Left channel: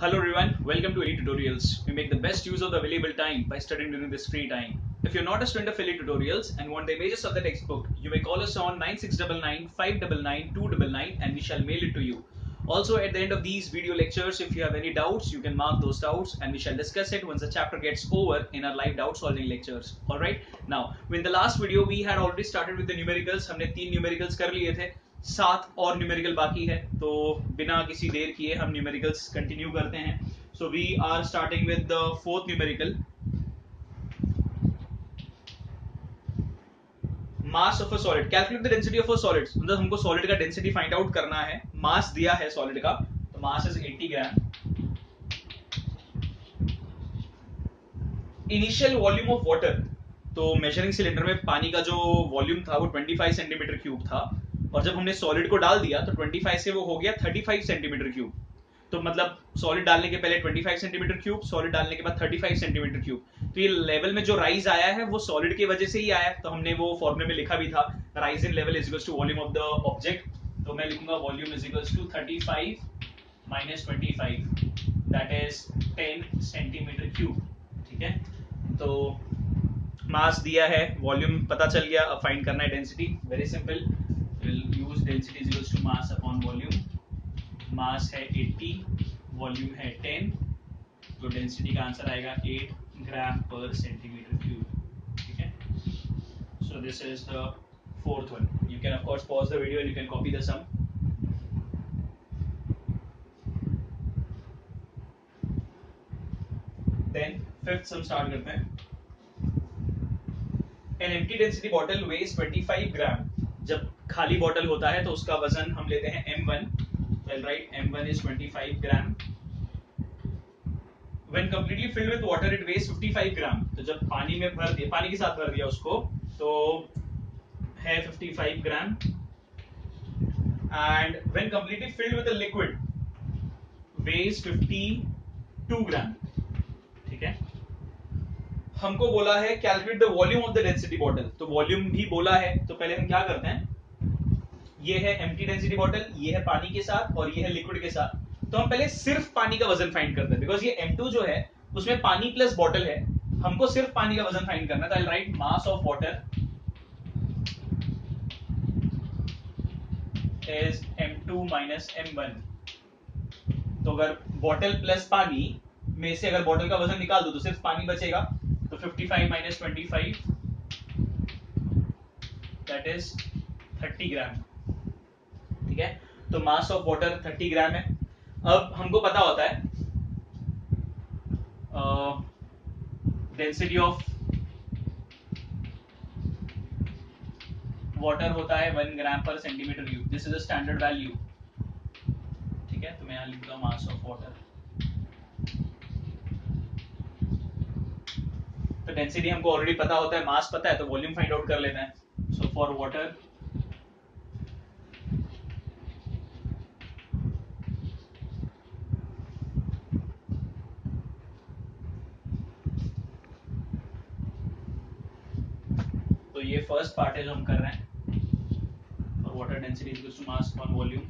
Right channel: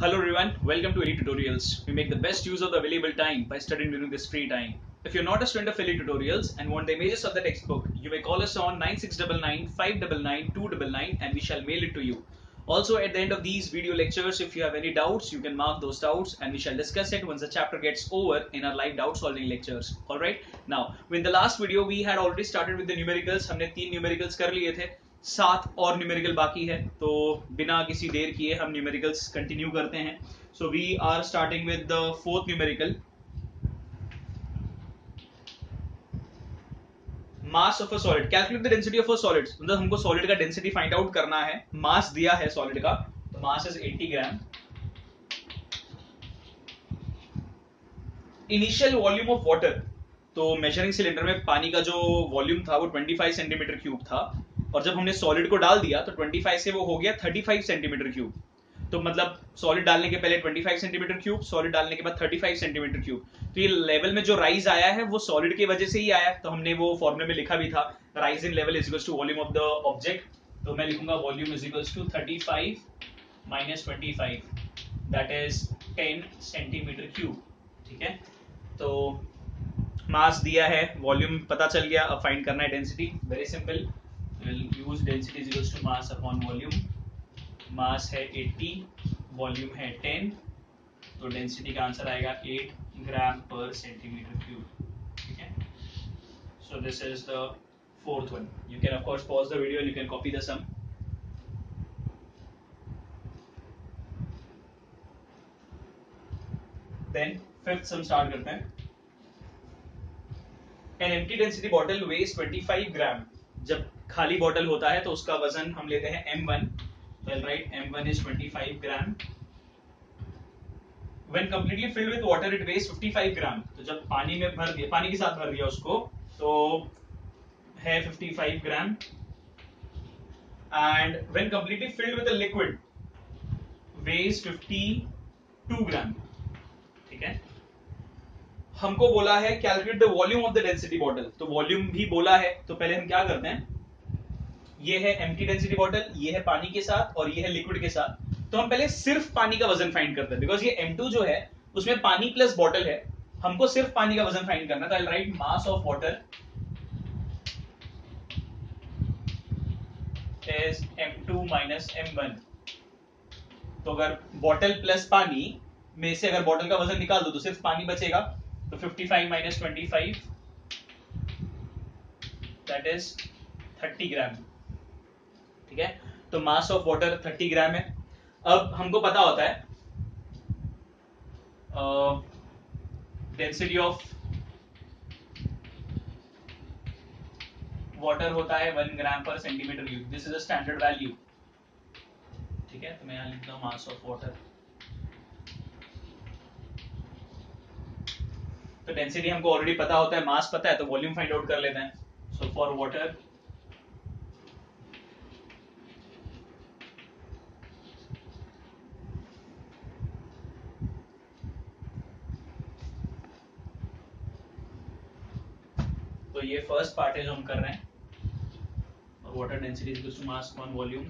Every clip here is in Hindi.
Hello everyone, welcome to Elite Tutorials. We make the best use of the available time by studying during this free time. If you're not a student of Elite Tutorials and want the images of the textbook, you may call us on 9699 599 299 and we shall mail it to you. Also, at the end of these video lectures, if you have any doubts, you can mark those doubts and we shall discuss it once the chapter gets over in our live doubt solving lectures. Alright, now in the last video we had already started with the numericals. हमने 3 numericals कर लिए थे, 7 और न्यूमेरिकल बाकी है, तो बिना किसी देर किए हम न्यूमेरिकल्स कंटिन्यू करते हैं. So we are starting with the fourth numerical, mass of a solid. Calculate the density of a solid. मतलब हमको सॉलिड का डेंसिटी फाइंड आउट करना है. मास दिया है सॉलिड का, तो mass is 80 gram. Initial volume of water, तो मेजरिंग सिलेंडर में पानी का जो वॉल्यूम था वो 25 सेंटीमीटर क्यूब था, और जब हमने सॉलिड को डाल दिया तो 25 से वो हो गया 35 सेंटीमीटर क्यूब. तो मतलब सॉलिड डालने के पहले 25 सेंटीमीटर क्यूब, सॉलिड डालने के बाद 35 सेंटीमीटर क्यूब. तो ये लेवल में जो राइज आया है वो सॉलिड की वजह से ही आया. तो हमने वो फॉर्मूले में लिखा भी था, rise in level is equals to volume of the object. तो मैं लिखूंगा volume is equals to 35 minus 25, that is 10 centimetre cube. ठीक है, तो मास दिया है, वॉल्यूम पता चल गया. अब फाइंड करना है density. Very simple, will use density is equals to mass upon volume. Mass है 80, वॉल्यूम है 10, तो डेंसिटी का आंसर आएगा 8 ग्राम पर सेंटीमीटर क्यूब. ठीक है, so this is the fourth one. You can of course pause the video, you can copy the sum. Then fifth sum start करते हैं. An empty density bottle weighs 25 ग्राम. जब खाली बॉटल होता है तो उसका वजन हम लेते हैं m1. So I'll write m1 is 25 gram. When completely filled with water it weighs 55 ग्राम. तो जब पानी में भर दिया, पानी के साथ भर दिया उसको, तो है 55 ग्राम. And when completely filled with a liquid weighs 52 ग्राम. ठीक है, हमको बोला है calculate the volume of the density bottle. तो वॉल्यूम भी बोला है, तो पहले हम क्या करते हैं, ये है एम्प्टी डेंसिटी बॉटल, ये है पानी के साथ और ये है लिक्विड के साथ. तो हम पहले सिर्फ पानी का वजन फाइंड करते हैं, बिकॉज ये M2 जो है उसमें पानी प्लस बॉटल है, हमको सिर्फ पानी का वजन फाइंड करना है. तो I will write mass of water is M2 minus M1. तो अगर बॉटल प्लस पानी में से अगर बॉटल का वजन निकाल दो तो सिर्फ पानी बचेगा. तो 55 माइनस 25, दैट इज 30 ग्राम. ठीक है, तो मास ऑफ वाटर 30 ग्राम है. अब हमको पता होता है डेंसिटी ऑफ वाटर होता है 1 ग्राम पर centimetre cube. This is a standard value. ठीक है, तो मैं यहाँ लिखता हूँ मास ऑफ वाटर. तो डेंसिटी हमको ऑलरेडी पता होता है, मास पता है, तो वॉल्यूम फाइंड आउट कर लेते हैं. सो फॉर वाटर तो ये फर्स्ट पार्ट है जो हम कर रहे हैं, और water density is equal to mass upon volume.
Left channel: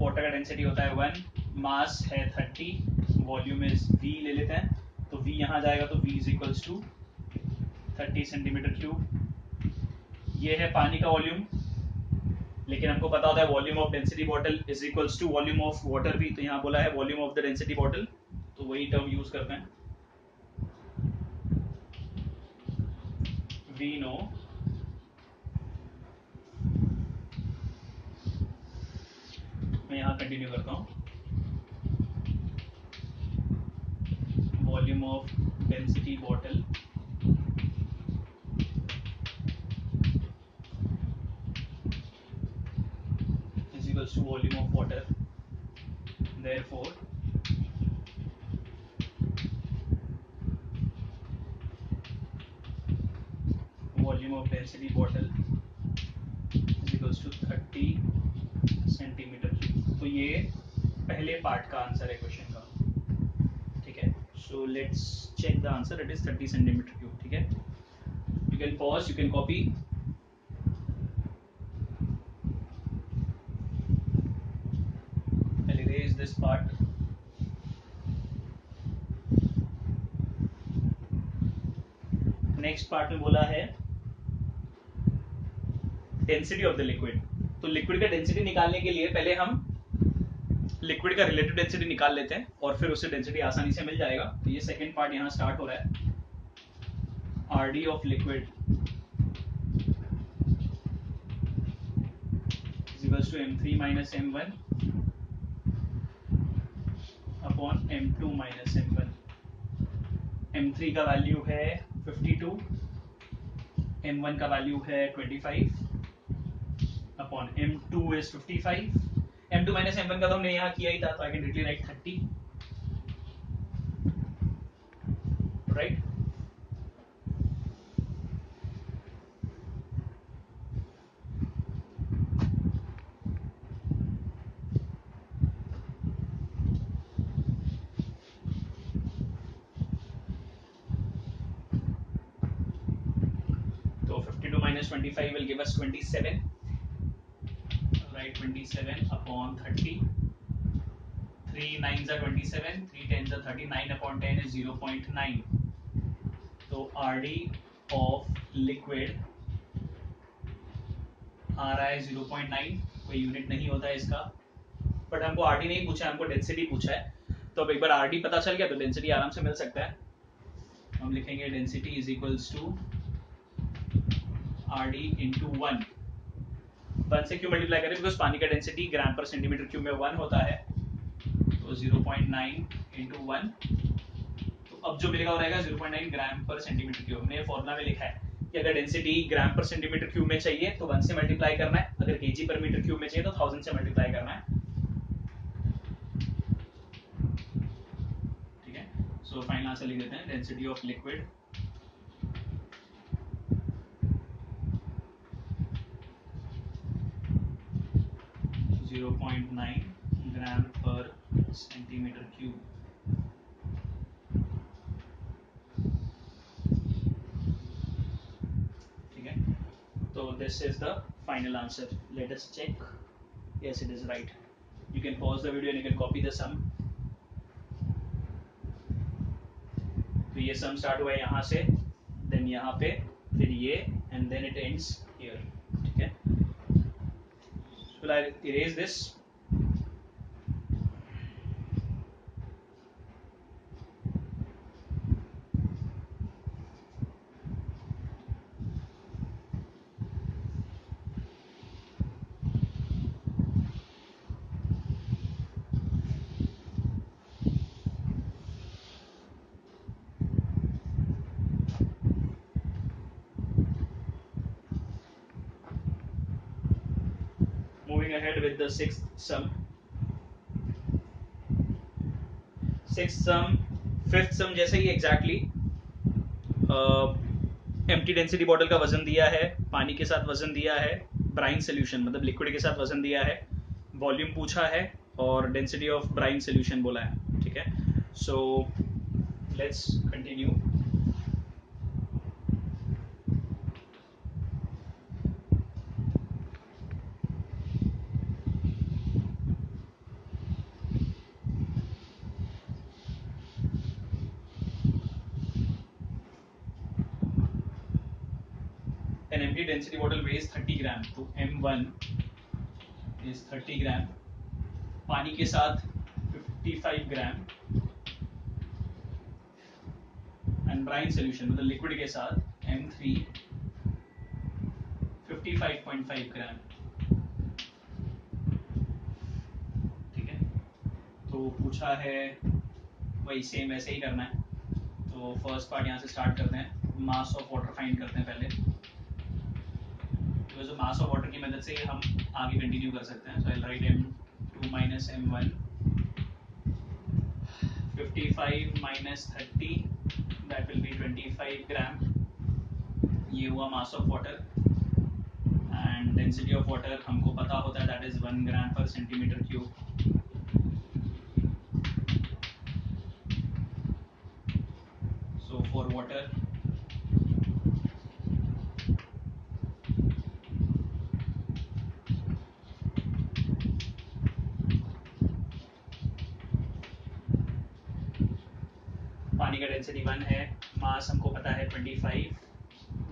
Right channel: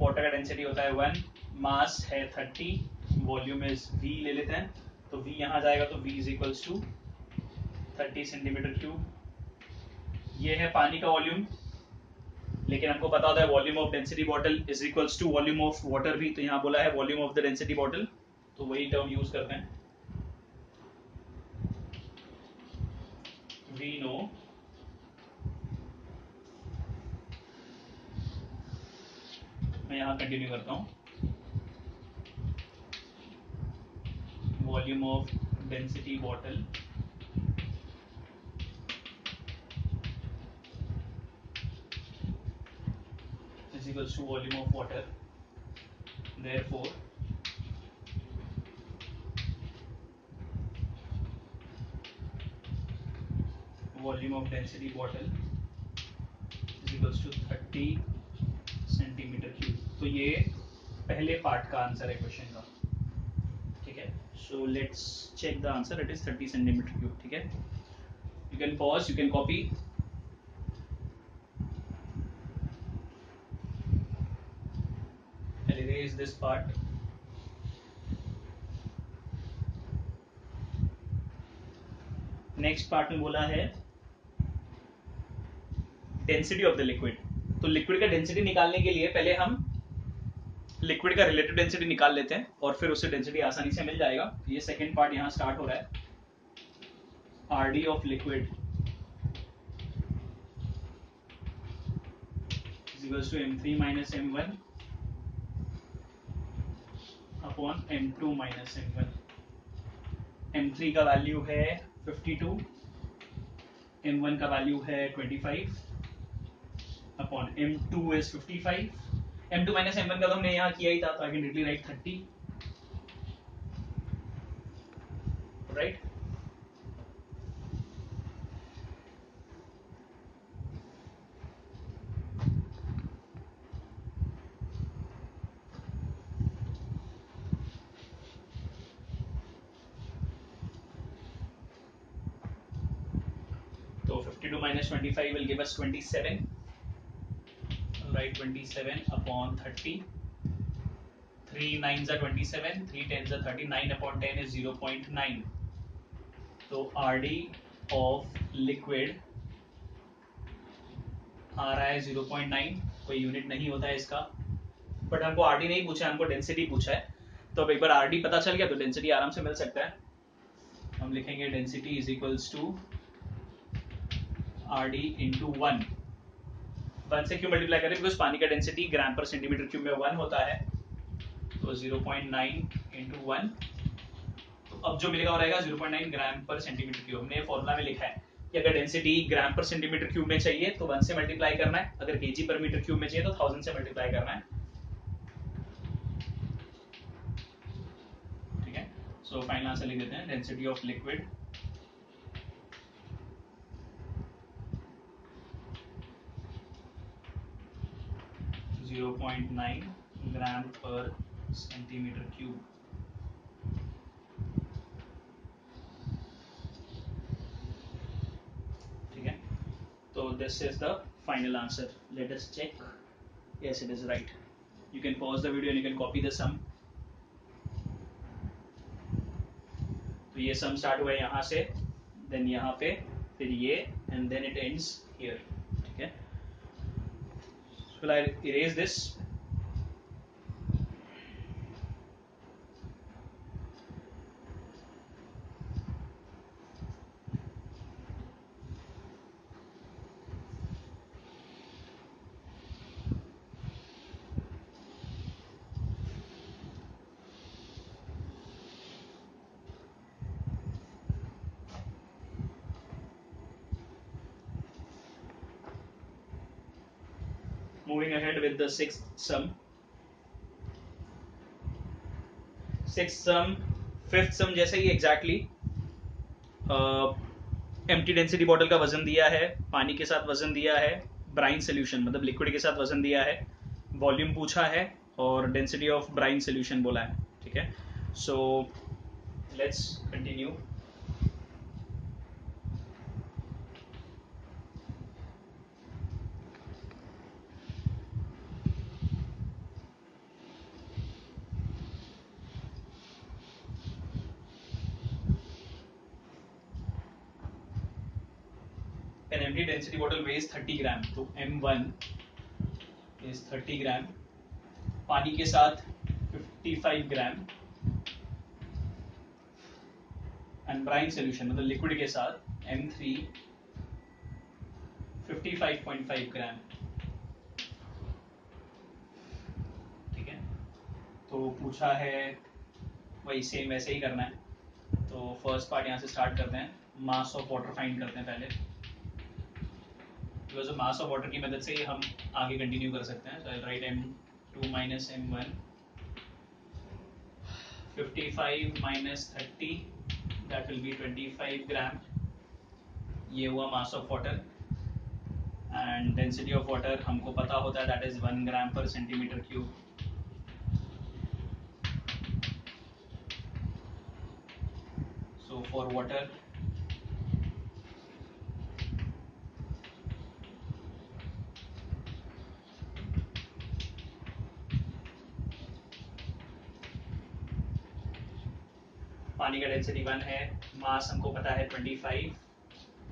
Water का डेंसिटी होता है 1, मास है 30, वॉल्यूम इज V ले लेते हैं. तो V यहाँ जाएगा तो V is equals to 30 centimetre cube. ये है पानी का वॉल्यूम, लेकिन हमको पता होता है volume of density bottle is equals to volume of water भी. तो यहाँ बोला है volume of the density bottle, तो वही टर्म यूज करते हैं. वी नो मैं यहाँ कंटिन्यू करता हूँ. Volume of density bottle is equals to volume of water. Therefore volume of density bottle is equals to 30 centimetre cube. तो ये पहले पार्ट का आंसर है क्वेश्चन का. ठीक है, so let's check the answer. It is 30 centimetre cube. ठीक है, you can pause, you can copy. This part. Next part में बोला है डेंसिटी ऑफ द लिक्विड. तो लिक्विड का डेंसिटी निकालने के लिए पहले हम लिक्विड का रिलेटिव डेंसिटी निकाल लेते हैं और फिर उससे डेंसिटी आसानी से मिल जाएगा. तो ये सेकेंड पार्ट यहाँ स्टार्ट हो रहा है. RD of liquid is equals to m3 minus m1 upon m2 minus m1. m3 का वैल्यू है 52, m1 का वैल्यू है 25 upon m2 is 55. m2 minus m1 का तो हमने यहाँ किया ही था, तो I can directly right 30, right. तो 52 minus 25 will give us 27. Right, 27 upon 30. 3 9s are 27, 3 10s are 39 upon 10 is 0.9. तो RD of liquid आ रहा है 0.9. कोई यूनिट नहीं होता है इसका, बट हमको RD नहीं पूछा है, हमको डेंसिटी पूछा है. तो अब एक बार RD पता चल गया तो डेंसिटी आराम से मिल सकता है. हम लिखेंगे density is equals to RD into 1. 1 से क्यों मल्टीप्लाई करें? बिकॉज पानी का डेंसिटी ग्राम पर सेंटीमीटर क्यूब में 1 होता है. तो 0.9 इंटू 1, तो अब जो मिलेगा वो रहेगा 0.9 ग्राम पर सेंटीमीटर क्यूब. हमने फॉर्मूला में लिखा है कि अगर डेंसिटी ग्राम पर सेंटीमीटर क्यूब में चाहिए तो 1 से मल्टीप्लाई करना है, अगर केजी पर मीटर क्यूब में चाहिए तो 1000 से मल्टीप्लाई करना है. ठीक है. सो फाइनल आंसर लिख देते हैं. डेंसिटी ऑफ लिक्विड .9 ग्राम पर सेंटीमीटर क्यूब. ठीक है. तो this is the final answer. Let us check. Yes, it is right. You can pause the video and you can copy the sum. तो ये सम स्टार्ट हुआ है यहाँ से, देन यहाँ पे, फिर ये, and then it ends here. ठीक है. Will I erase this? Moving ahead with the sixth sum. Sixth sum, fifth sum जैसे ही exactly. एम्प्टी डेंसिटी बॉटल का वजन दिया है, पानी के साथ वजन दिया है, ब्राइन सोल्यूशन मतलब लिक्विड के साथ वजन दिया है, वॉल्यूम पूछा है और डेंसिटी ऑफ ब्राइन सोल्यूशन बोला है. ठीक है. So let's continue. An empty density bottle weighs 30 ग्राम. तो M1 is 30 ग्राम. पानी के साथ 55 ग्राम. एंड ब्राइन सोल्यूशन मतलब लिक्विड के साथ M3 55.5 ग्राम. ठीक है. तो पूछा है वही सेम वैसे ही करना है. तो फर्स्ट पार्ट यहाँ से स्टार्ट करते हैं. मास ऑफ वाटर फाइंड करते हैं पहले. बिकॉज मास ऑफ वाटर की मदद से हम आगे कंटिन्यू कर सकते हैं. सो आई right M2 minus M1. 55 minus 30, that will be 25 ग्राम. ये हुआ मास of water. And density of water हमको पता होता है, दैट इज 1 ग्राम पर centimetre cube. So for water पानी का डेंसिटी 1 है, मास हमको पता है 25,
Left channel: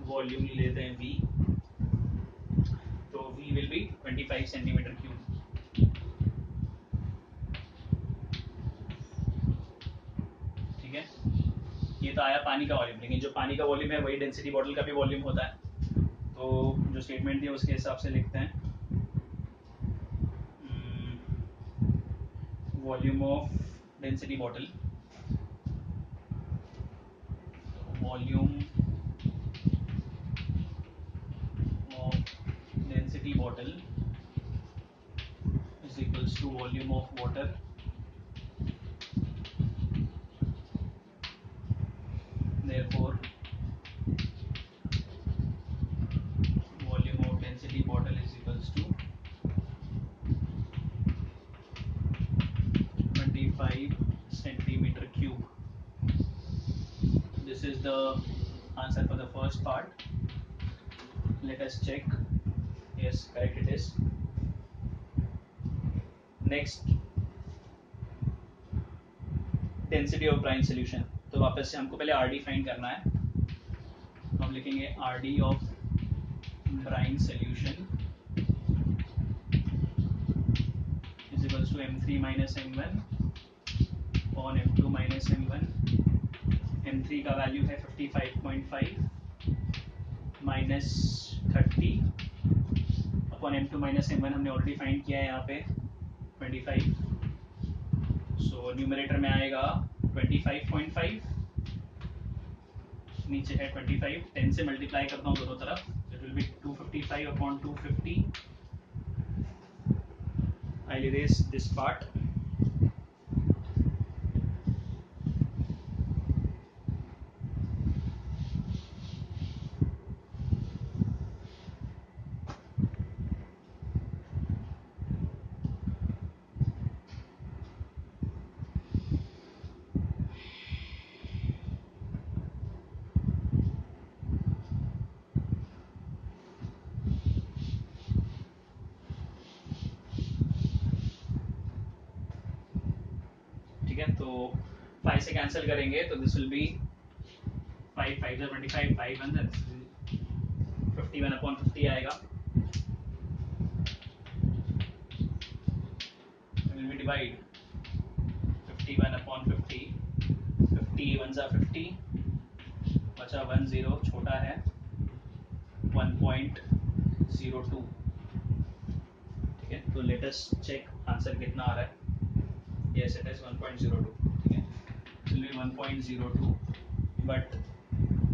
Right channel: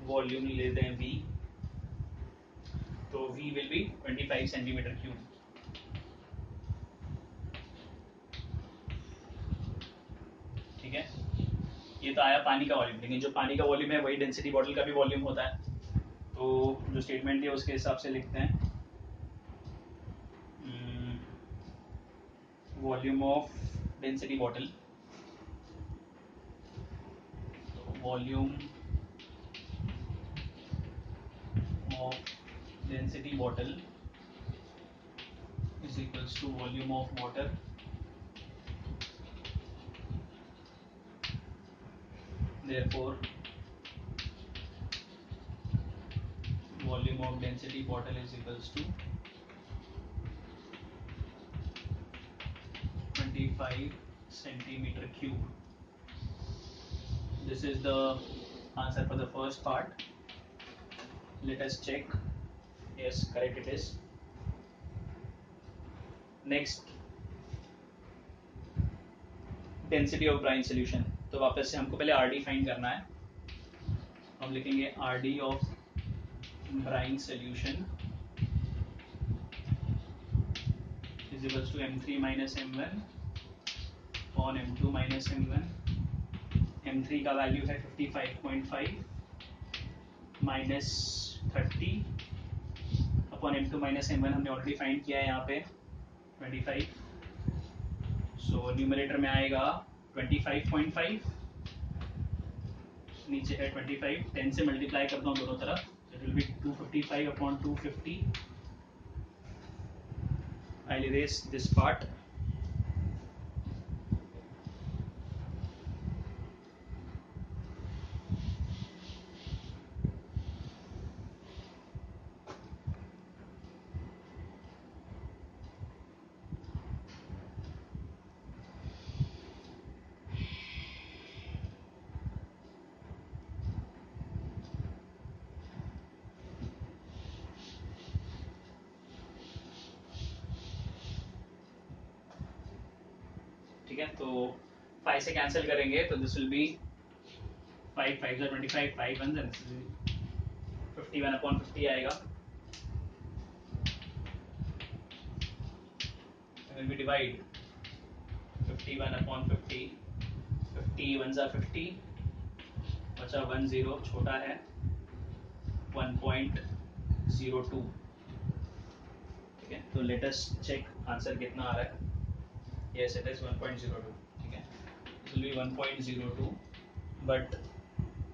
वॉल्यूम लेते हैं V, तो V will be 25 centimetre cube. ठीक है, ये तो आया पानी का वॉल्यूम, लेकिन जो पानी का वॉल्यूम है वही डेंसिटी बॉटल का भी वॉल्यूम होता है। तो जो स्टेटमेंट है उसके हिसाब से लिखते हैं, volume of density bottle, volume of density bottle is equals to volume of water therefore volume of density bottle is equals to 25 centimeter cube. This is the answer for the first part. Let us check. Yes, correct it is. Next, density of brine solution. तो वापस से हमको पहले RD फाइंड करना है। हम लिखेंगे RD of brine solution is equals to M3 minus M1 upon M2 minus M1. M3 का वैल्यू है 55.5 minus 30 upon M2 minus M1 हमने ऑलरेडी फाइंड किया है यहाँ पे 25। सो न्यूमरेटर में आएगा 25.5, नीचे है 25, 10 से मल्टीप्लाई करता हूँ दोनों तरफ, it will be 255 upon 250। I'll erase this part. ठीक है, तो 5 से कैंसिल करेंगे तो दिस विल बी 5 5 25, 5 1 51 अपॉन 50 आएगा। विल बी डिवाइड 51 अपॉन 50, 50 1 50, बचा 1 0, छोटा है 1.02। ठीक है, तो लेट अस चेक आंसर कितना आ रहा है। Yes, it is 1.02. ठीक है, it will be 1.02, बट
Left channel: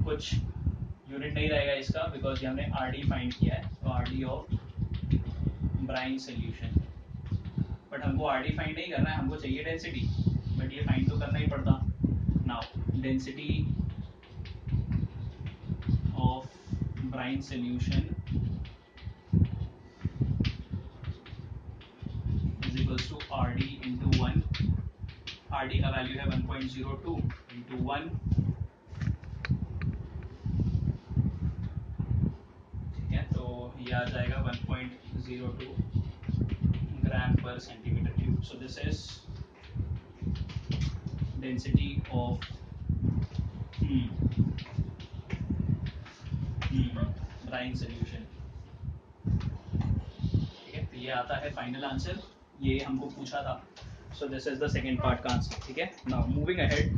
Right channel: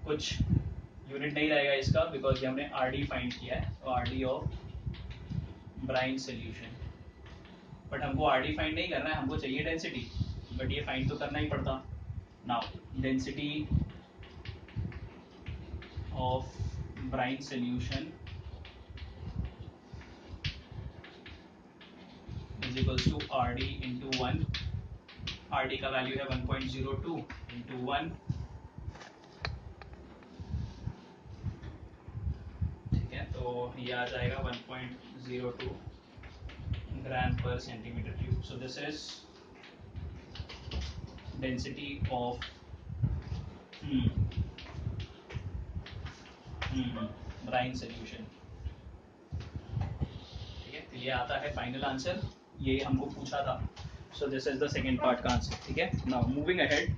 कुछ यूनिट नहीं रहेगा इसका बिकॉज हमने RD फाइंड किया है, तो RD of brine solution. But हमको RD फाइंड नहीं करना है, हमको चाहिए डेंसिटी, बट ये फाइंड तो करना ही पड़ता। Now density of brine solution is equals to RD into 1। RD का वैल्यू है 1.02 इंटू 1, ठीक है, तो ये आ जाएगा 1.02 ग्राम पर centimetre cube. So this is density of brine solution. ठीक है, तो ये आता है फाइनल आंसर, ये हमको पूछा था। So this is the second part का आंसर। ठीक है, now moving ahead,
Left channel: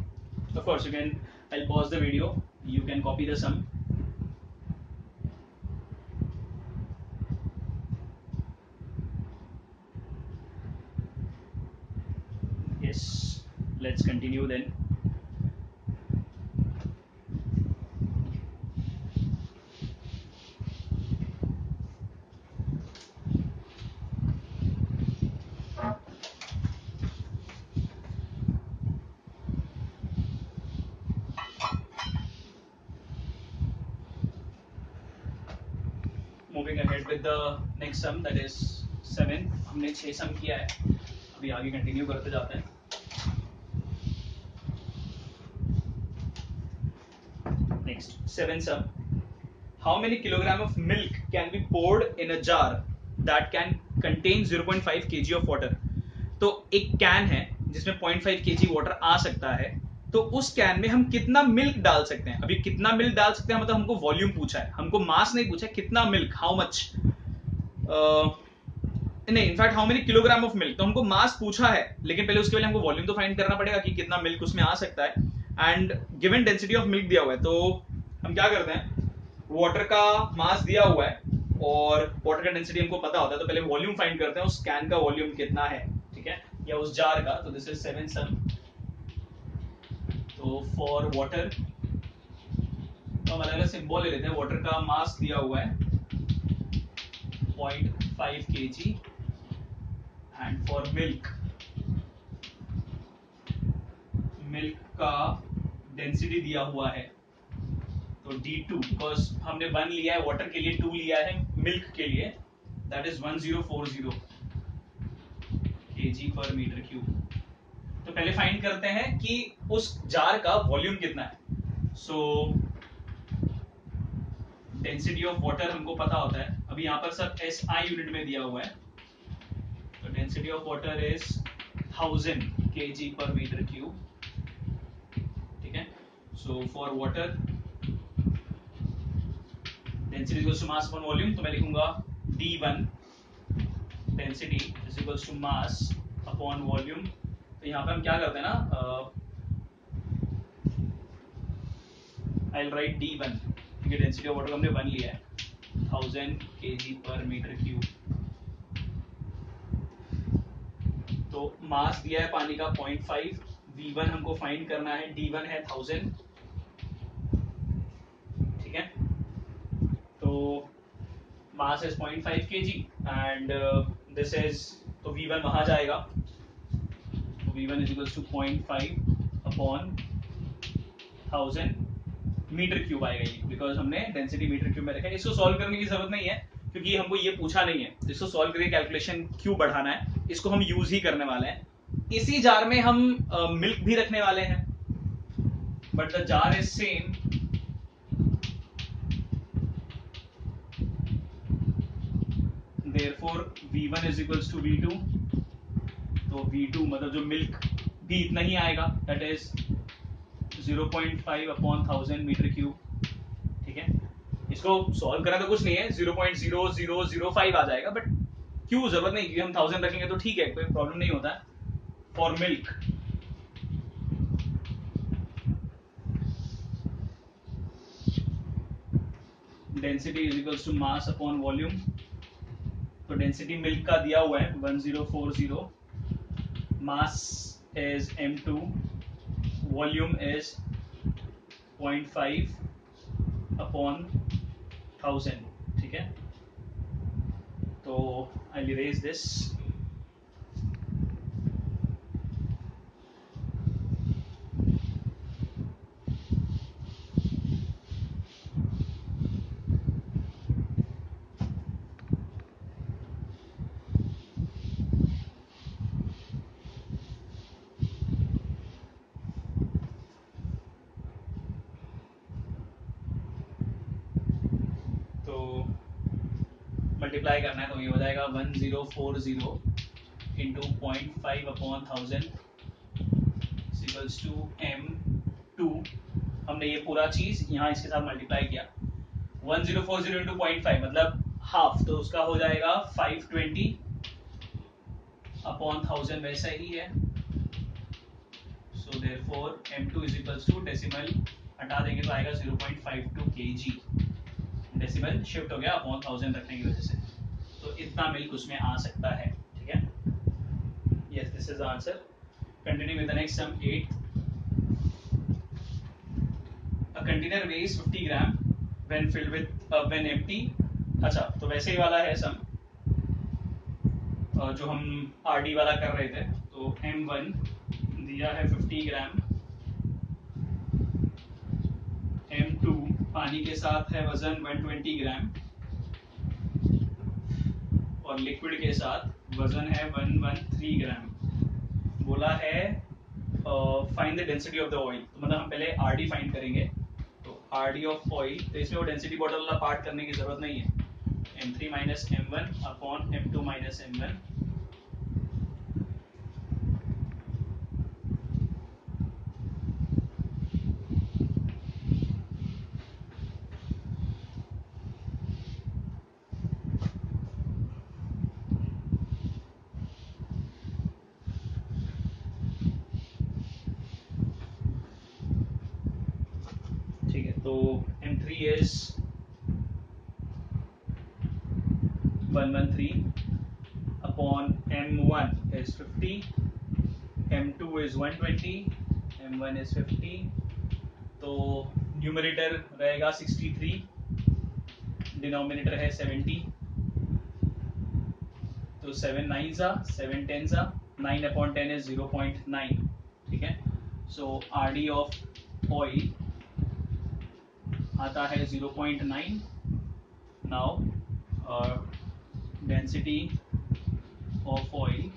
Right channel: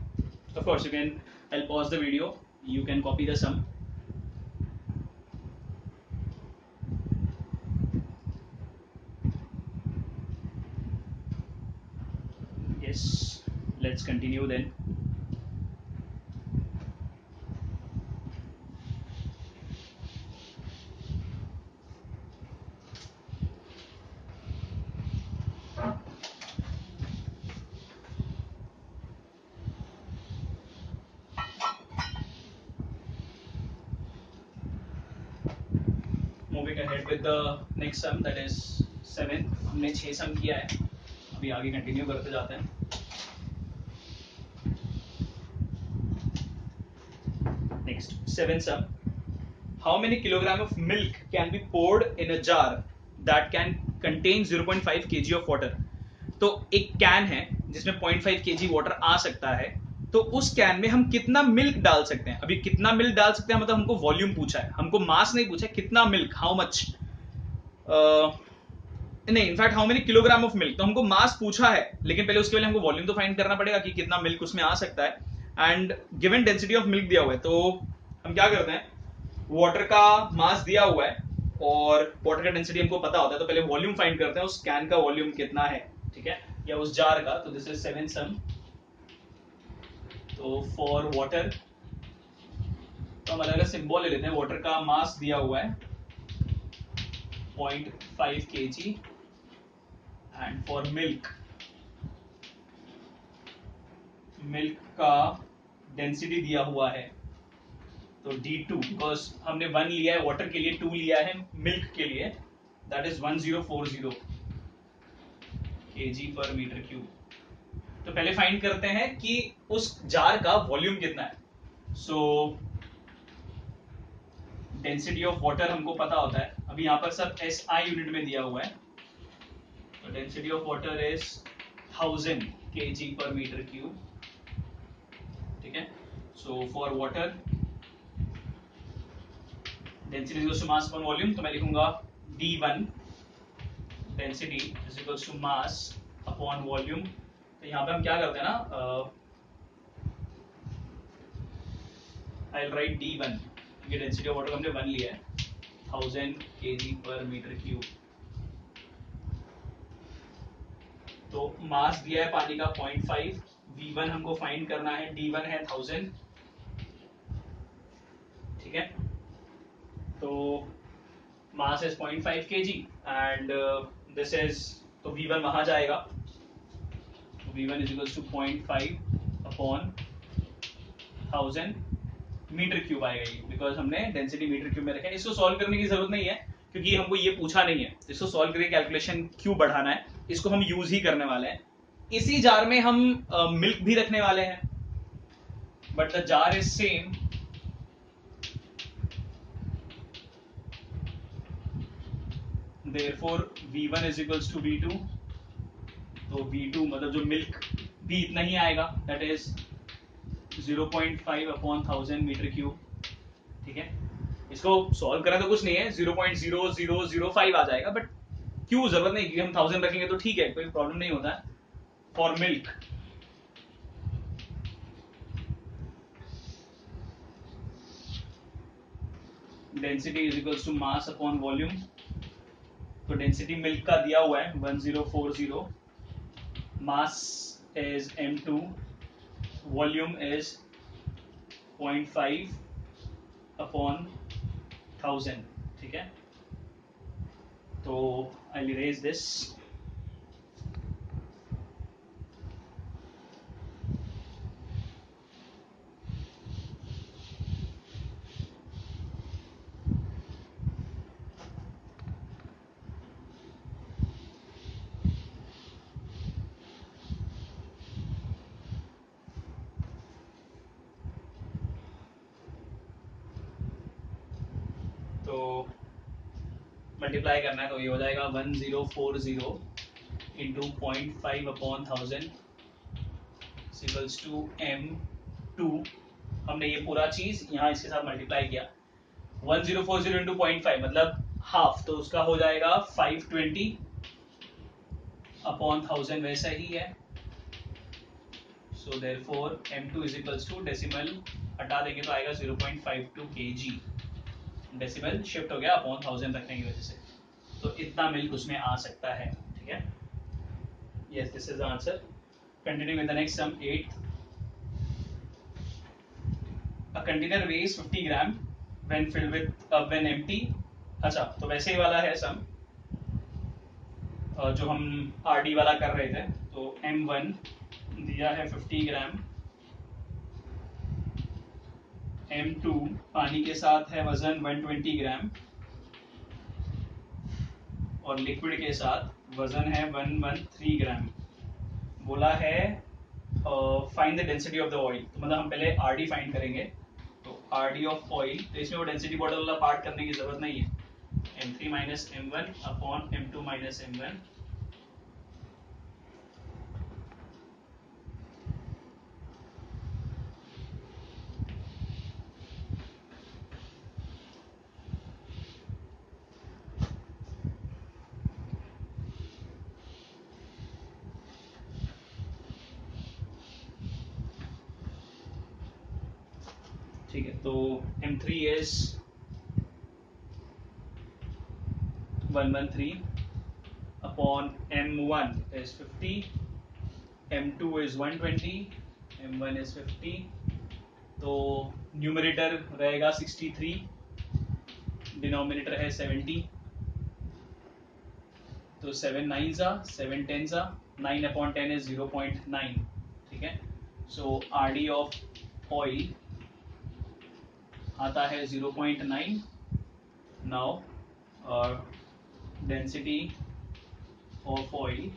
of course you can, I'll pause the video, you can copy the sum. Yes, let's continue then. Moving ahead with the next sum, that is 7. हमने 6 सम किया है, अभी आगे कंटिन्यू करते जाते हैं। Next, 7 sum. How many kilogram of milk can be poured in a jar that can contain 0.5 kg of water? तो एक कैन है जिसमें 0.5 kg वाटर आ सकता है, तो तो उस कैन में हम कितना मिल्क डाल सकते हैं। अभी कितना मिल्क डाल सकते हैं मतलब हमको वॉल्यूम पूछा है, हमको मास नहीं पूछा है, कितना मिल्क, हाउ मच, नहीं in fact how many kilogram of milk. तो हमको मास पूछा है, लेकिन पहले उसके लिए हमको वॉल्यूम तो फाइंड करना पड़ेगा कि कितना मिल्क उसमें आ सकता है। And given density of milk दिया हुआ है, तो हम क्या करते हैं, वाटर का मास दिया हुआ है और वाटर का डेंसिटी हमको पता होता है, तो पहले वॉल्यूम फाइंड करते हैं, उस कैन का वॉल्यूम कितना है, ठीक है, या उस जार का। तो दिस इज 7 सम। तो फॉर वाटर तो हम अलग अलग सिंबल ले लेते हैं। वाटर का मास दिया हुआ है 0.5 kg and for milk, milk का डेंसिटी दिया हुआ है तो D2, बिकॉज हमने 1 लिया है वाटर के लिए, 2 लिया है मिल्क के लिए, दैट इज 1040 kg पर मीटर क्यूब। तो पहले फाइंड करते हैं कि उस जार का वॉल्यूम कितना है। सो डेंसिटी ऑफ वाटर हमको पता होता है, अभी यहां पर सब SI यूनिट में दिया हुआ है, तो density of water is 1000 kg पर मीटर क्यूब, ठीक है। So for water density equals to mass upon volume, तो मैं लिखूंगा D1 density is equals to mass upon volume. तो यहाँ पे हम क्या करते हैं ना, आई विल राइट D1 क्योंकि डेंसिटी ऑफ वाटर हमने 1 लिया है, 1000 kg पर मीटर क्यूब। तो मास दिया है पानी का 0.5, V1 हमको फाइंड करना है, D1 है 1000, ठीक है। तो mass is 0.5 kg and this is, तो V1 वहां जाएगा, V1 is equals to 0.5 upon 1000 metre cube आएगा ये, बिकॉज हमने डेंसिटी मीटर क्यूब में रखा है। इसको सॉल्व करने की जरूरत नहीं है क्योंकि हमको ये पूछा नहीं है, इसको सॉल्व करके कैलकुलेशन क्यों बढ़ाना है, इसको हम यूज ही करने वाले हैं। इसी जार में हम मिल्क भी रखने वाले हैं, but the jar is same, therefore V1 is equals to V2। तो V2 मतलब जो मिल्क भी इतना ही आएगा, that is 0.5 upon 1000 metre cube, ठीक है। इसको सॉल्व करें तो कुछ नहीं है, 0.0005 आ जाएगा, बट क्यों, जरूरत नहीं, क्योंकि हम 1000 रखेंगे तो ठीक है, कोई प्रॉब्लम नहीं होता है। For milk density is equals to mass upon volume, तो डेंसिटी मिल्क का दिया हुआ है 1040, mass is M2, volume is 0.5 upon 1000, ठीक है। तो आई इरेज दिस, मल्टीप्लाई करना है तो ये हो जाएगा 1040 into 0.5 upon 1000 equals to M2। हमने ये पूरा चीज यहाँ इसके साथ मल्टीप्लाई किया, 1040 इंटू 0.5 मतलब हाफ, तो उसका हो जाएगा 520 अपॉन 1000, वैसा ही है। So therefore M2 is equals to, decimal हटा देंगे तो आएगा 0.52 kg, डेसिमल शिफ्ट हो गया अपॉन 1000 रखने की वजह से, तो इतना मिल्क उसमें आ सकता है, ठीक है। Yes, this is the answer. Continue with the next sum 8। A container weighs 50 gram when filled with when empty. अच्छा, तो वैसे ही वाला है सम जो हम आरडी वाला कर रहे थे। तो M1 दिया है 50 ग्राम, M2 पानी के साथ है वजन 120 ग्राम और लिक्विड के साथ वजन है 113 ग्राम। बोला है find the density of the oil, तो मतलब हम पहले आरडी फाइंड करेंगे। तो आरडी ऑफ ऑयल, तो इसमें वो डेंसिटी बॉटल वाला पार्ट करने की जरूरत नहीं है, M3 minus M1 upon M2 minus M1। ठीक है, तो M3 is 113 upon M1 is 50, M2 is 120, M1 is 50, तो न्यूमरेटर रहेगा 63, डिनोमिनेटर है 70, तो 7 9 7 10 9 अपॉन 10 इज 0.9, ठीक है। सो RD ऑफ ऑयल आता है 0.9। Now density of oil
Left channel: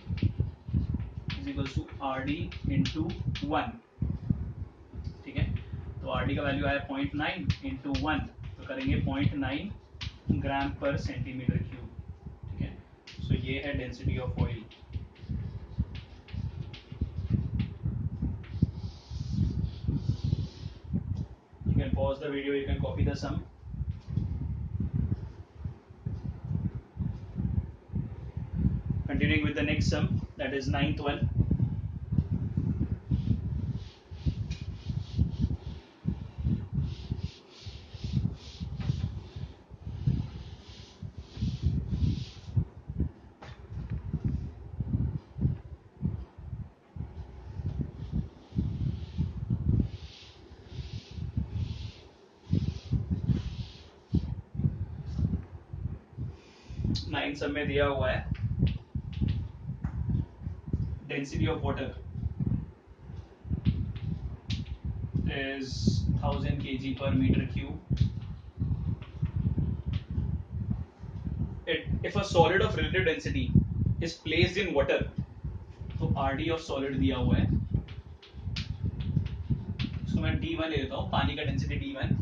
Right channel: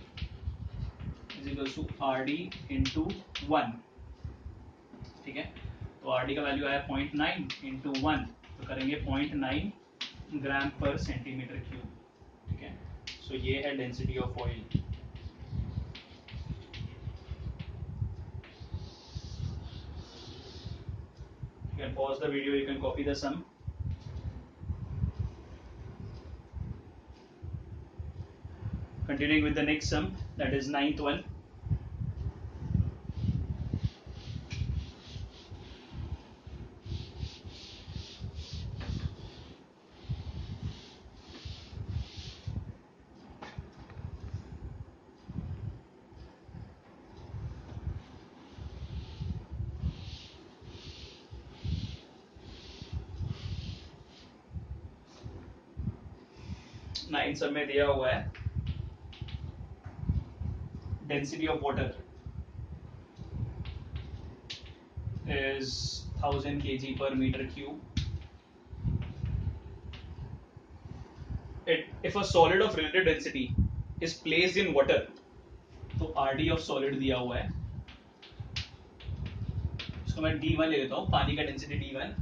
is equal to RD into 1, ठीक है। तो RD का वैल्यू आया 0.9 इंटू 1, तो करेंगे 0.9 ग्राम पर सेंटीमीटर क्यूब, ठीक है। सो ये है density of oil. You can pause the video, you can copy the sum. Continuing with the next sum, that is 9th one. Nine सब में दिया हुआ है density of water is 1000 kg per meter cube. If a solid of relative density is placed in water, तो RD of solid दिया हुआ है, इसको मैं D1 ले लेता हूँ, पानी का डेंसिटी D1,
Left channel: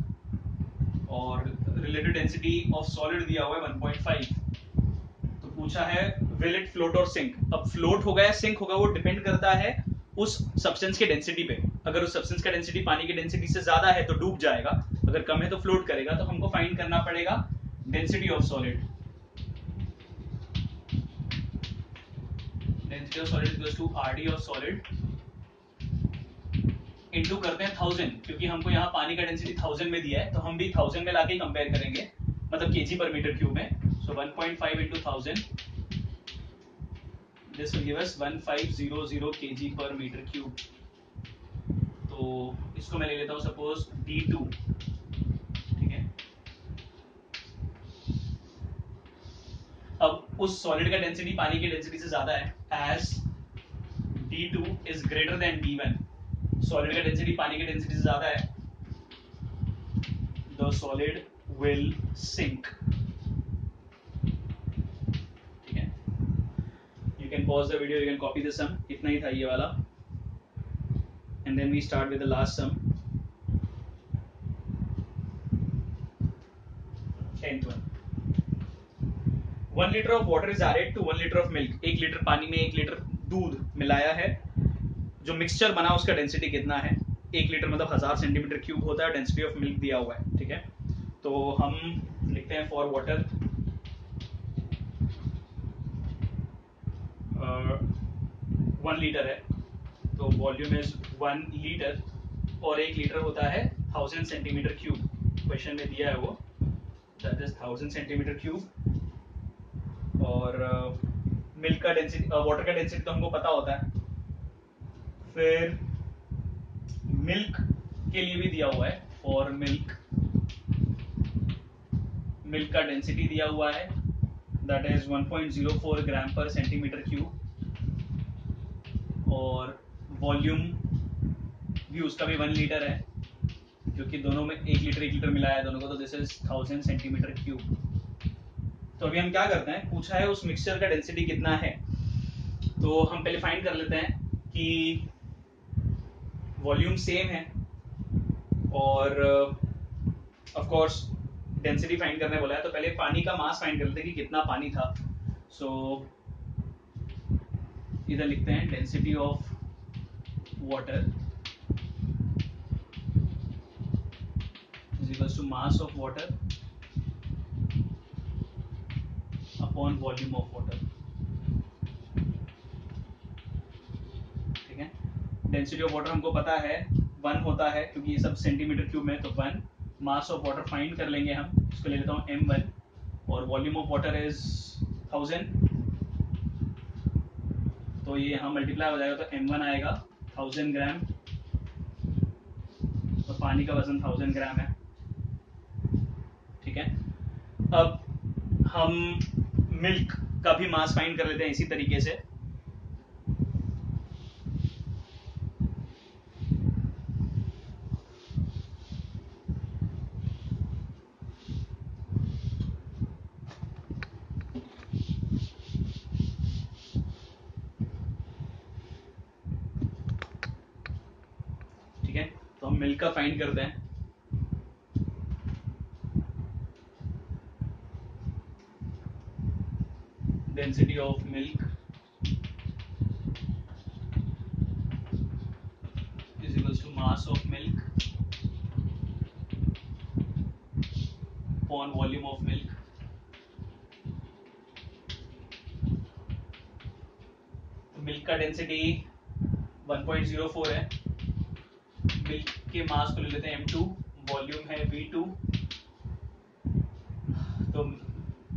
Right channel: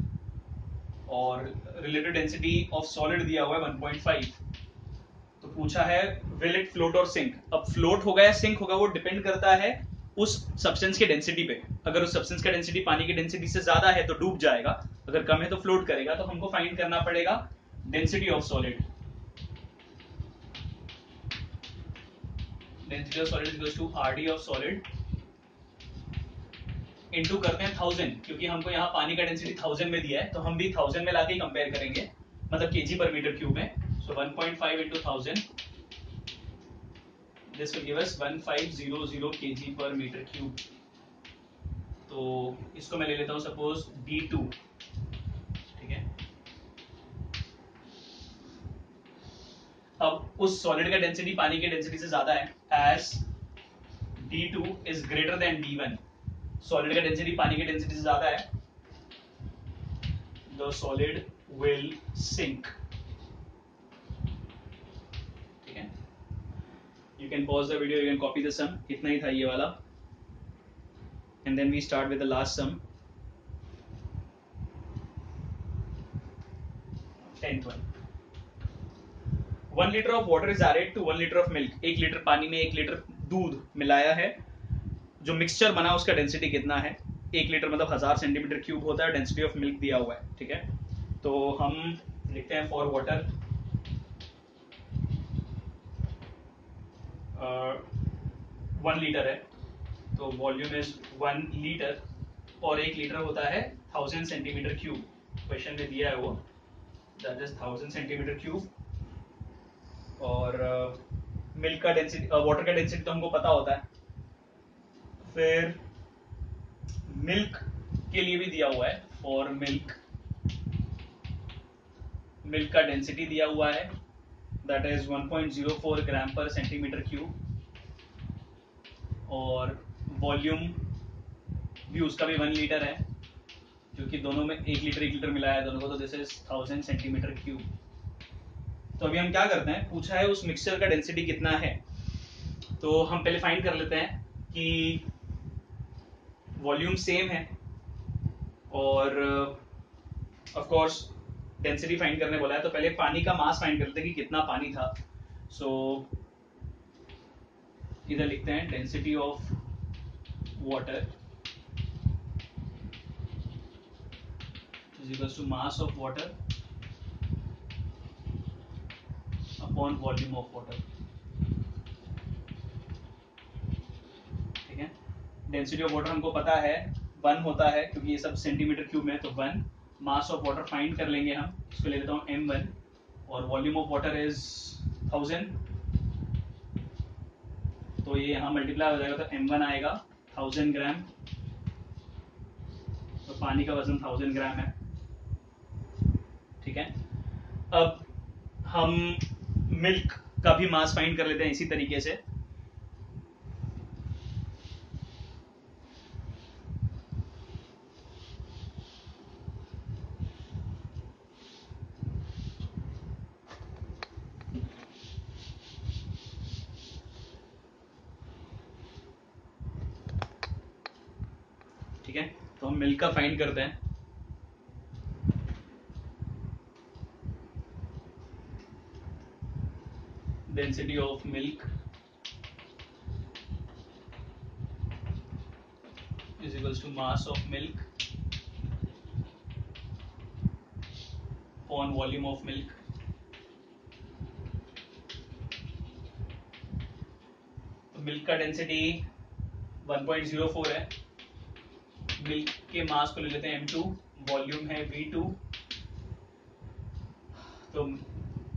और रिलेटिव डेंसिटी ऑफ सॉलिड दिया हुआ है 1.5। तो पूछा है विल इट फ्लोट और सिंक। अब फ्लोट होगा या सिंक होगा वो डिपेंड करता है उस सब्सटेंस के डेंसिटी पे। अगर उस सब्सटेंस का डेंसिटी पानी की डेंसिटी से ज्यादा है तो डूब जाएगा, अगर कम है तो फ्लोट करेगा। तो हमको फाइंड करना पड़ेगा density of solid. Density of solid equals to RD of solid into करते हैं 1000, क्योंकि हमको यहाँ पानी का डेंसिटी 1000 में दिया है, तो हम भी 1000 में लाके कंपेयर करेंगे, मतलब केजी पर मीटर क्यूब में। सो 1.5 into 1000, this will give us 1500 kg per meter cube। तो इसको मैं ले लेता हूँ सपोज D2, ठीक है। अब उस सॉलिड का डेंसिटी पानी की डेंसिटी से ज्यादा है, as D2 is greater than D1, solid का डेंसिटी पानी की डेंसिटी से ज्यादा है, द सॉलिड विल सिंक, ठीक है। You can pause the video, you can copy the sum, इतना ही था ये वाला, and then we start with the last sum, 10th one। 1 liter of water is added to 1 liter of milk। 1 litre पानी में 1 लीटर दूध मिलाया है, जो मिक्सचर बना उसका डेंसिटी कितना है। 1 लीटर मतलब 1000 सेंटीमीटर क्यूब होता है, डेंसिटी ऑफ मिल्क दिया हुआ है, ठीक है। तो हम लिखते हैं फॉर वाटर 1 लीटर है, तो वॉल्यूम इज 1 लीटर, और 1 लीटर होता है 1000 सेंटीमीटर क्यूब, क्वेश्चन में दिया है वो, दैट इज 1000 सेंटीमीटर क्यूब। और मिल्क का डेंसिटी, वाटर का डेंसिटी तो हमको पता होता है। फिर मिल्क के लिए भी दिया हुआ है, फॉर मिल्क, मिल्क का डेंसिटी दिया हुआ है, दैट इज 1.04 ग्राम पर सेंटीमीटर क्यूब, और वॉल्यूम भी उसका भी 1 लीटर है, क्योंकि दोनों में 1 लीटर मिलाया है दोनों को, तो दिस इज 1000 सेंटीमीटर क्यूब। तो अभी हम क्या करते हैं, पूछा है उस मिक्सचर का डेंसिटी कितना है, तो हम पहले फाइंड कर लेते हैं कि वॉल्यूम सेम है, और ऑफ कोर्स डेंसिटी फाइंड करने बोला है, तो पहले पानी का मास फाइंड कर लेते हैं कि कितना पानी था। सो इधर लिखते हैं density of water is equals to mass of water upon volume of water, ठीक है। डेंसिटी ऑफ वाटर हमको पता है 1 होता है क्योंकि ये सब सेंटीमीटर क्यूब में है, तो 1 मास ऑफ वाटर फाइंड कर लेंगे हम, इसको ले लेता हूँ m1 और वॉल्यूम ऑफ वाटर इज 1000, तो ये यहाँ मल्टीप्लाई हो जाएगा तो m1 आएगा 1000 ग्राम, तो पानी का वजन 1000 ग्राम है। ठीक है, अब हम मिल्क का भी मास फाइंड कर लेते हैं इसी तरीके से। ठीक है, तो हम मिल्क का फाइंड करते हैं। Density of milk is equals to mass of milk upon volume of milk। तो मिल्क का डेंसिटी 1.04 है, मिल्क के मास को ले लेते हैं m2, वॉल्यूम है v2, तो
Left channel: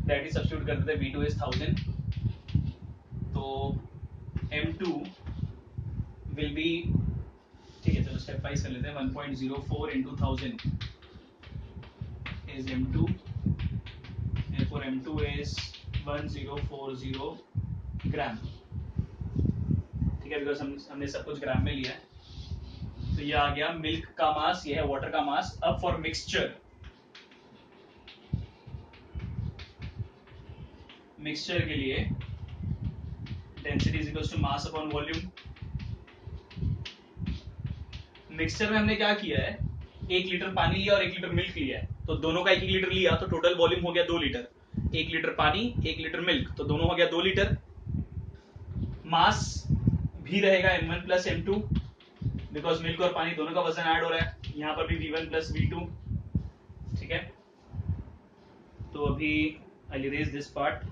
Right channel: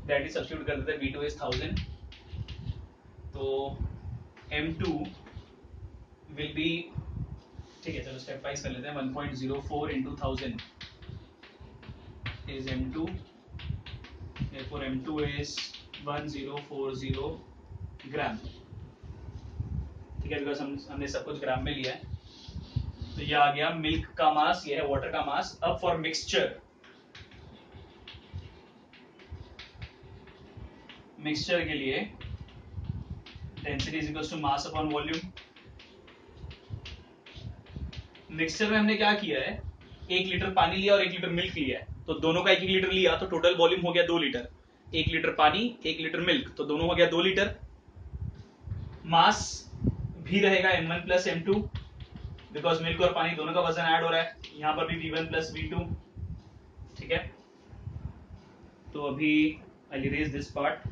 दैट इज सब्स्टिट्यूट कर देते हैं, v2 इज 1000, तो m2 विल बी, ठीक है चलो स्टेप वाइज कर लेते हैं, 1.04 into 1000 is m2, therefore m2 is 1040 ग्राम। ठीक है, बिकॉज हमने सब कुछ ग्राम में लिया है, तो ये आ गया मिल्क का मास, ये है वाटर का मास। अब फॉर मिक्सचर, मिक्सचर के लिए density is equal to mass upon volume. Mixture में हमने क्या किया है, 1 लीटर पानी लिया और 1 लीटर मिल्क लिया है, तो दोनों का 1 लीटर लिया तो टोटल वॉल्यूम हो गया 2 लीटर। 1 लीटर पानी 1 लीटर मिल्क, तो दोनों हो गया 2 लीटर। मास भी रहेगा m1 plus m2, because milk और पानी दोनों का वजन ऐड हो रहा है, यहाँ पर भी v1 प्लस v2। ठीक है, तो अभी I will erase this part.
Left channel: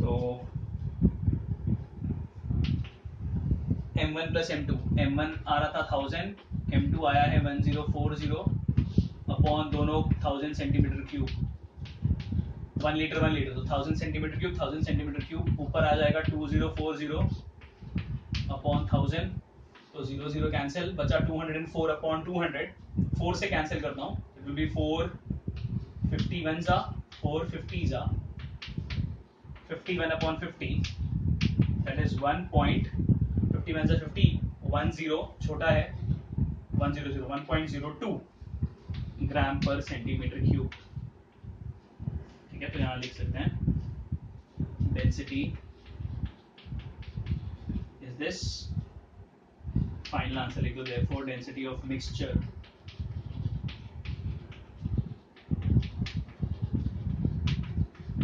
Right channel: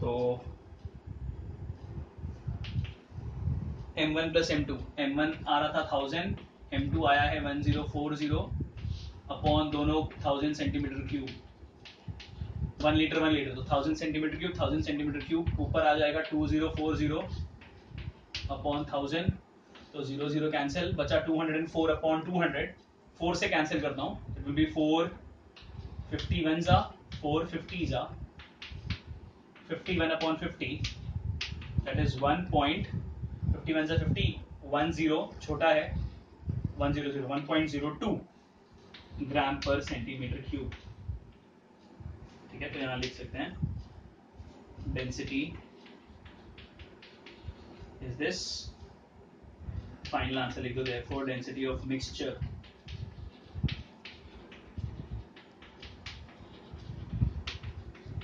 तो m1 प्लस m2, m1 आ रहा था 1000, m2 आया है 1040 अपॉन दोनों 1000 सेंटीमीटर क्यूब, 1 लीटर 1 लीटर, तो 1000 सेंटीमीटर क्यूब 1000 सेंटीमीटर क्यूब, ऊपर आ जाएगा 2040 अपॉन 1000, तो 0 0 कैंसिल, बचा 204 अपॉन 200, 4 से कैंसिल करता हूँ, इट विल बी 451 जा 450 जा 51 upon 50, that is 1.51 से 50, 10 छोटा है 100 1.02 ग्राम पर सेंटीमीटर क्यूब। ठीक है, तो यहाँ लिख सकते हैं density is this, final answer लिख दो, therefore density of mixture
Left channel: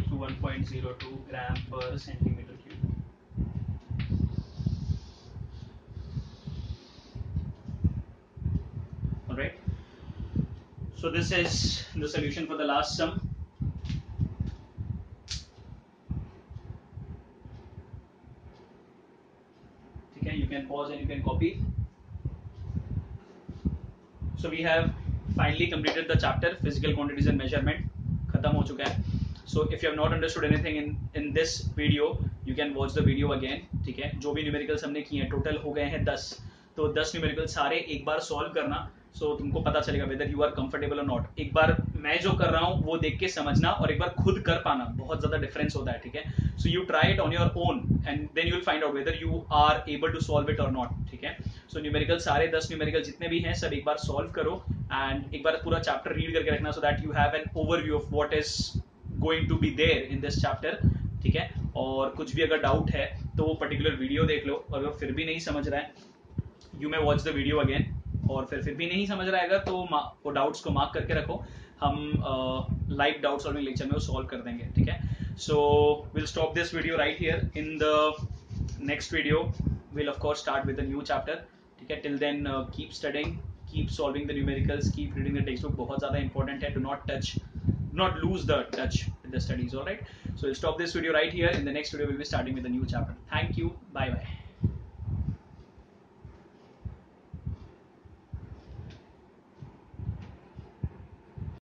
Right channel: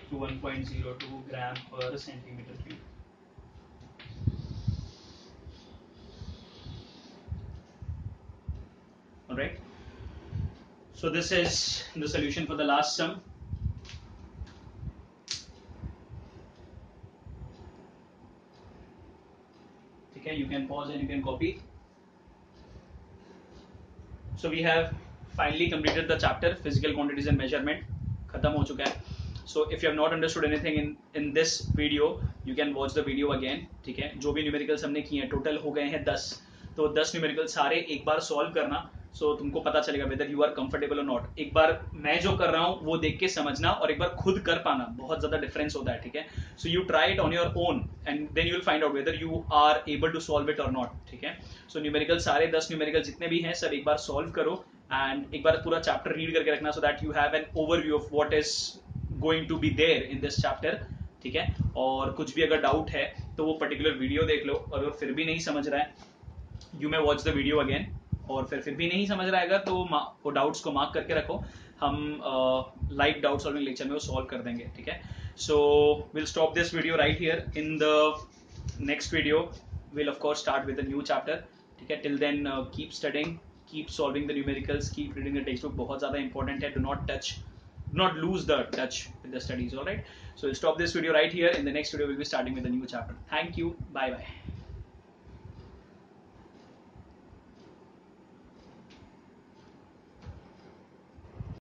to 1.02 ग्राम पर centimetre cube. Alright, so this is the solution for the last sum. Okay, you can pause and you can copy. So we have finally completed the chapter physical quantities and measurement, खत्म हो चुका है। So if you have not understood anything in this video, you can watch the video again। ठीक है, जो भी न्यूमेरिकल्स हमने किए हैं, टोटल हो गए हैं 10, तो 10 न्यूमेरिकल सारे एक बार सॉल्व करना, सो तुमको पता चलेगा वेदर यू आर कंफर्टेबल और नॉट। एक बार मैं जो कर रहा हूँ वो देख के समझना, और एक बार खुद कर पाना, बहुत ज्यादा डिफरेंस होता है। ठीक है, so you try it on your own and then you will find out whether you are able to solve it और नॉट। ठीक है, सो न्यूमेरिकल सारे 10 न्यूमेरिकल जितने भी हैं सब एक बार सॉल्व करो, एंड एक बार पूरा चैप्टर रीड करके रखना, so that you have an overview of what is going to be there in this chapter. ठीक है, और कुछ भी अगर डाउट है तो वो पर्टिकुलर वीडियो देख लो, अगर फिर भी नहीं समझ रहा है, you may watch the video again और फिर भी नहीं समझ रहा है तो वो डाउट्स को मार्क करके रखो, हम लाइव डाउट सॉल्विंग लेक्चर में वो सॉल्व कर देंगे, ठीक है। So will stop this video right here. In the next video will of course start with a new chapter, ठीक है। Till then keep studying, keep solving the numericals, keep reading the textbook, बहुत ज़्यादा इंपॉर्टेंट है। Do not lose the touch with the studies, all right? So we'll stop this video right here. In the next video we'll be starting with a new chapter. Thank you, bye bye.